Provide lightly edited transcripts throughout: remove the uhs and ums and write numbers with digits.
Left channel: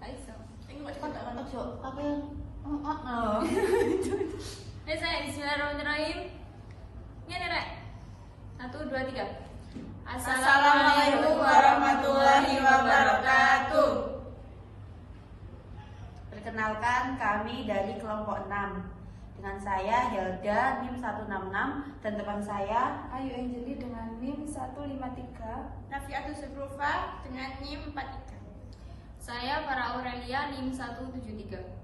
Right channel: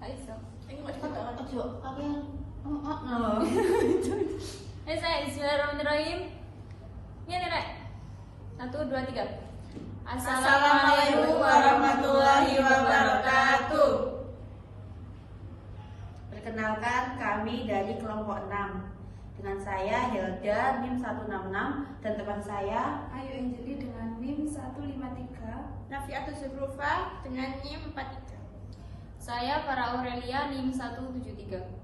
Gak iso. Ini kok dikatakan Ojo, aku yang Bismillahirrahmanirrahim. Ngene rek. 1, 2, 3. Assalamualaikum warahmatullahi wabarakatuh. Perkenalkan, kami dari kelompok 6. Dengan saya Helda NIM 166 dan teman saya Ayu Anjeli dengan NIM 153. Nafiatul Zufrufa dengan NIM 43. Saya Farah Aurelia NIM 173.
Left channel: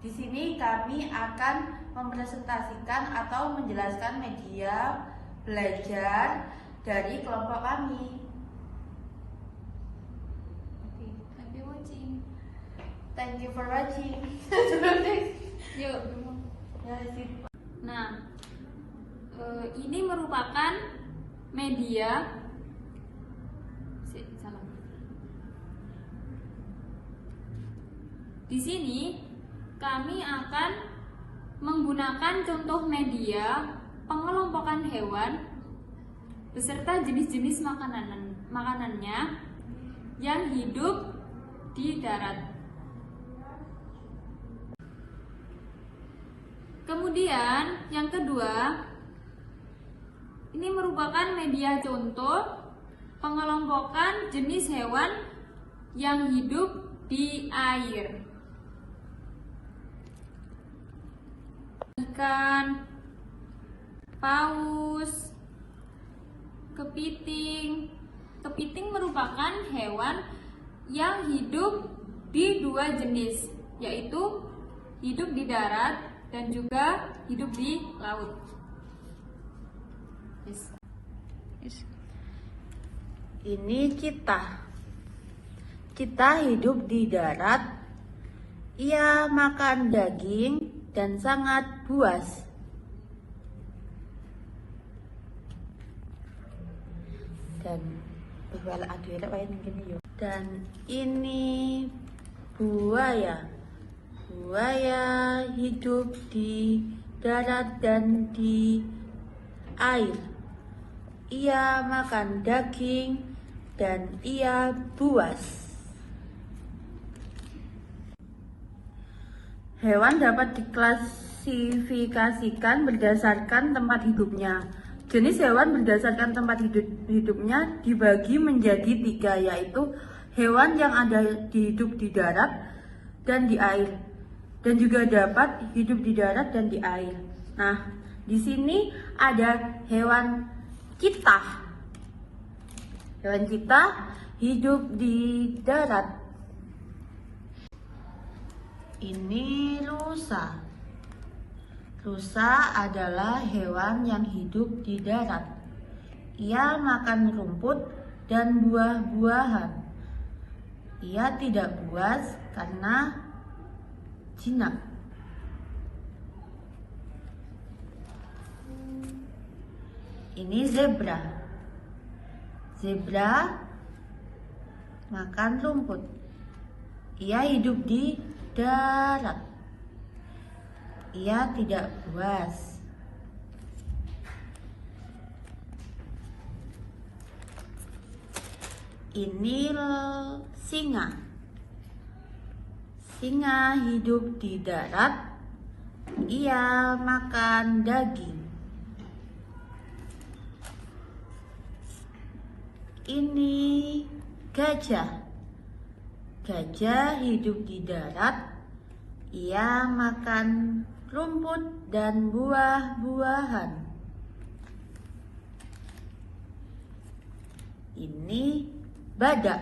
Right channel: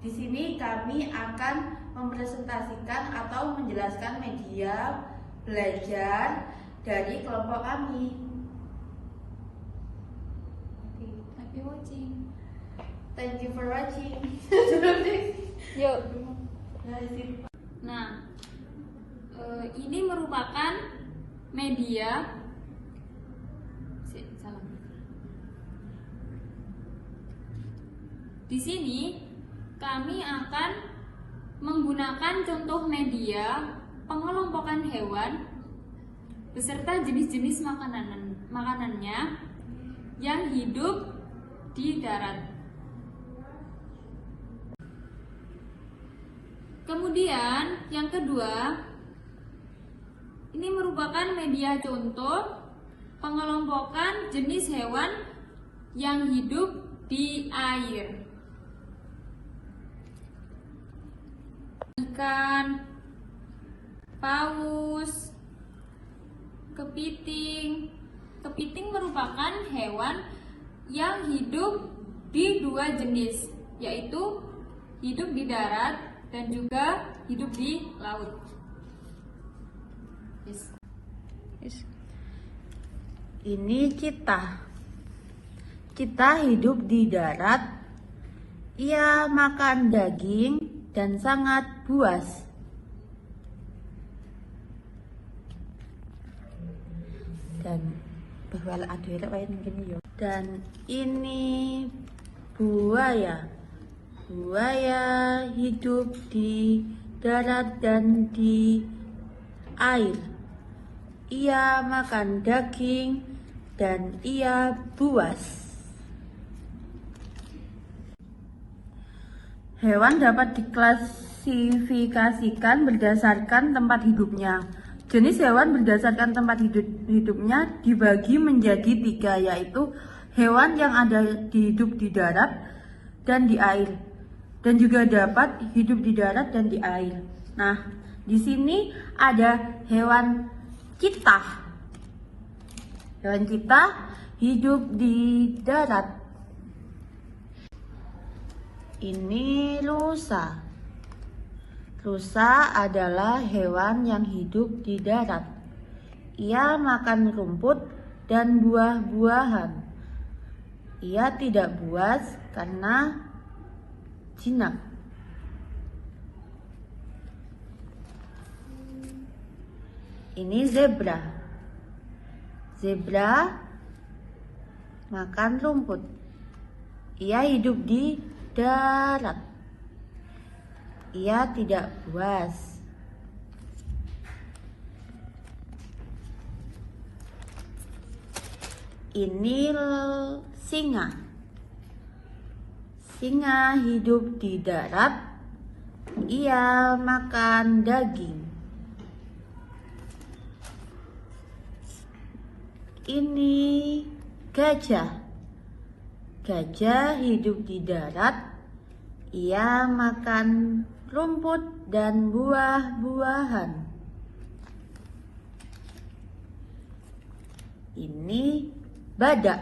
di sini kami akan mempresentasikan atau menjelaskan media belajar dari kelompok kami. Happy watching. Thank you for watching. Yuk. Nah, ini merupakan media. Salah. Di sini kami akan menggunakan contoh media pengelompokan hewan beserta jenis-jenis makanannya yang hidup di darat. Kemudian yang kedua, ini merupakan media contoh pengelompokan jenis hewan yang hidup di air. Ikan, paus, kepiting. Kepiting merupakan hewan yang hidup di dua jenis, yaitu hidup di darat dan juga hidup di laut. Ini kita hidup di darat. Ia makan daging dan sangat buas. Dan ini buaya. Buaya hidup di darat dan di air. Ia makan daging dan ia buas. Hewan dapat diklasifikasikan berdasarkan tempat hidupnya. Jenis hewan berdasarkan tempat hidupnya dibagi menjadi 3, yaitu hewan yang hidup di darat dan di air, dan juga dapat hidup di darat dan di air. Nah, di sini ada hewan kita. Hewan kita hidup di darat. Ini rusa. Rusa adalah hewan yang hidup di darat. Ia makan rumput dan buah-buahan. Ia tidak buas karena jinak. Ini zebra. Zebra makan rumput. Ia hidup di darat. Ia tidak buas. Ini singa. Singa hidup di darat. Ia makan daging. Ini gajah. Gajah hidup di darat. Ia makan rumput dan buah-buahan. Ini badak.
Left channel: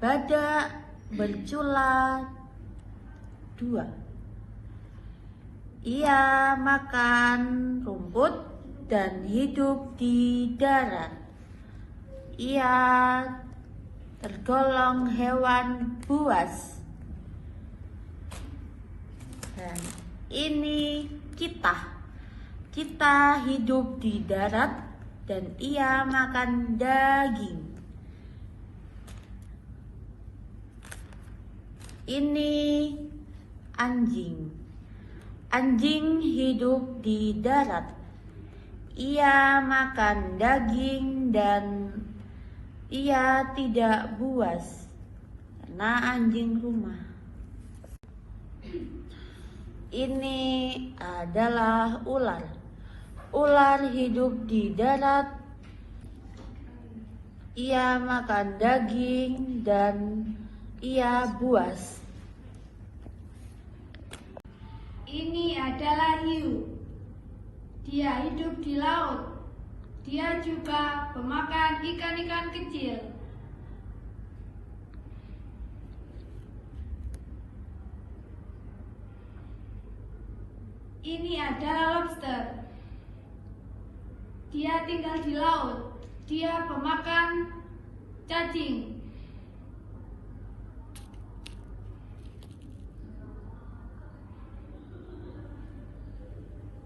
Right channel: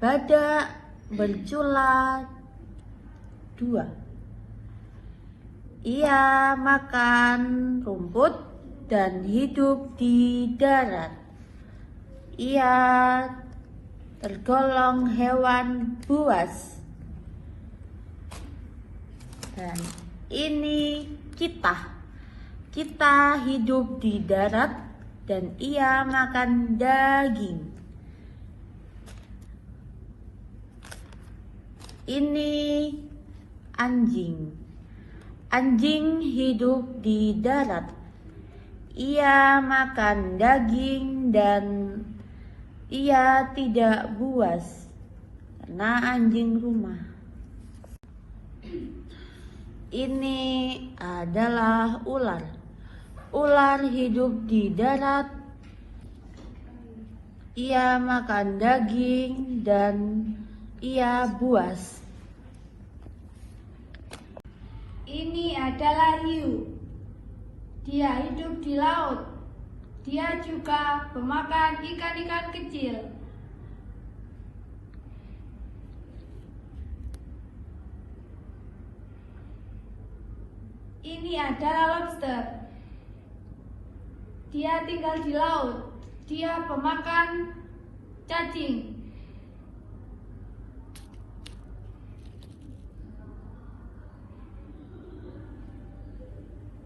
Badak bercula 2. Ia makan rumput dan hidup di darat. Ia tergolong hewan buas. Nah, ini kita. Kita hidup di darat dan ia makan daging. Ini anjing. Anjing hidup di darat. Ia makan daging dan ia tidak buas. karena anjing rumah. Ini adalah ular. Ular hidup di darat. Ia makan daging dan ia buas. Ini adalah hiu. Dia hidup di laut. Dia juga pemakan ikan-ikan kecil. Ini adalah lobster. Dia tinggal di laut. Dia pemakan cacing.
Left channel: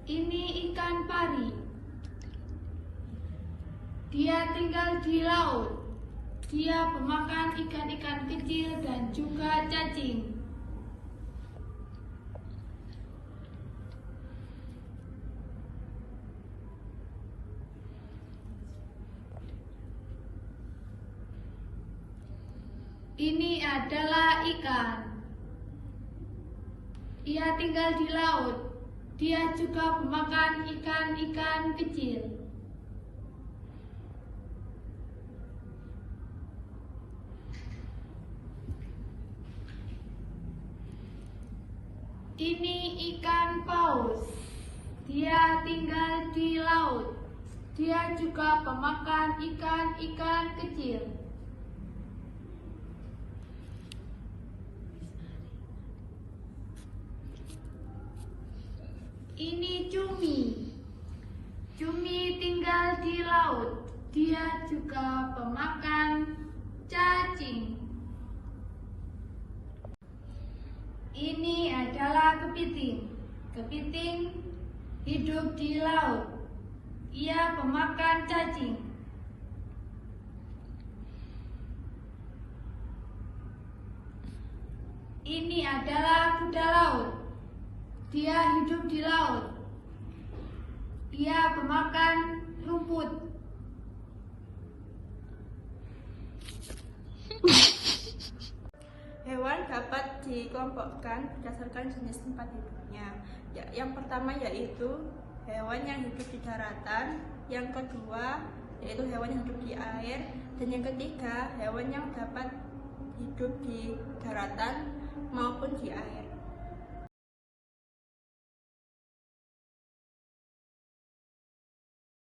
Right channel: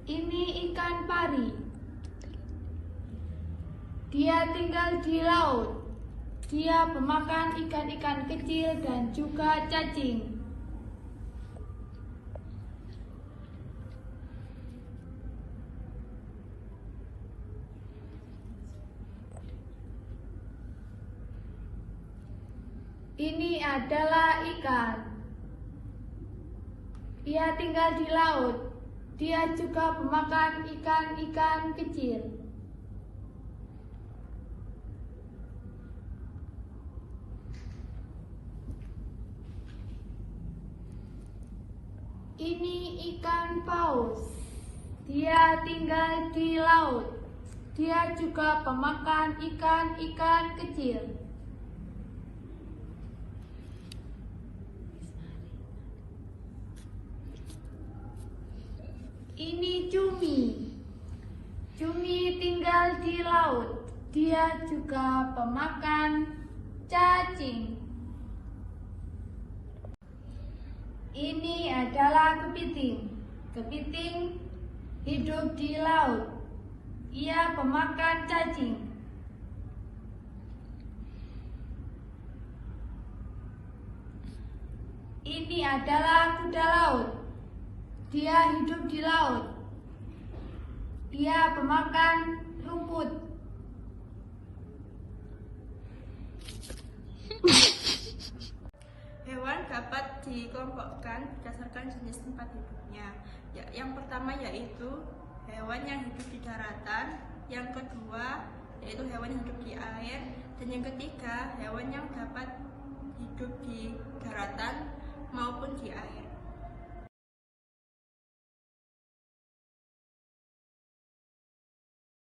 Ini ikan pari. Dia tinggal di laut. Dia pemakan ikan-ikan kecil dan juga cacing. Ini adalah ikan. Ia tinggal di laut. Dia juga pemakan ikan-ikan kecil. Ini ikan paus. Dia tinggal di laut. Dia juga pemakan ikan-ikan kecil. Ini cumi. Cumi tinggal di laut. Dia juga pemakan cacing. Ini adalah kepiting. Kepiting hidup di laut. Ia pemakan cacing. Ini adalah kuda laut. Dia hidup di laut. Dia pemakan rumput. Hewan dapat dikelompokkan berdasarkan jenis tempat hidupnya. Yang pertama yaitu hewan yang hidup di daratan, yang kedua yaitu hewan yang hidup di air, dan yang ketiga hewan yang dapat hidup di daratan maupun di air.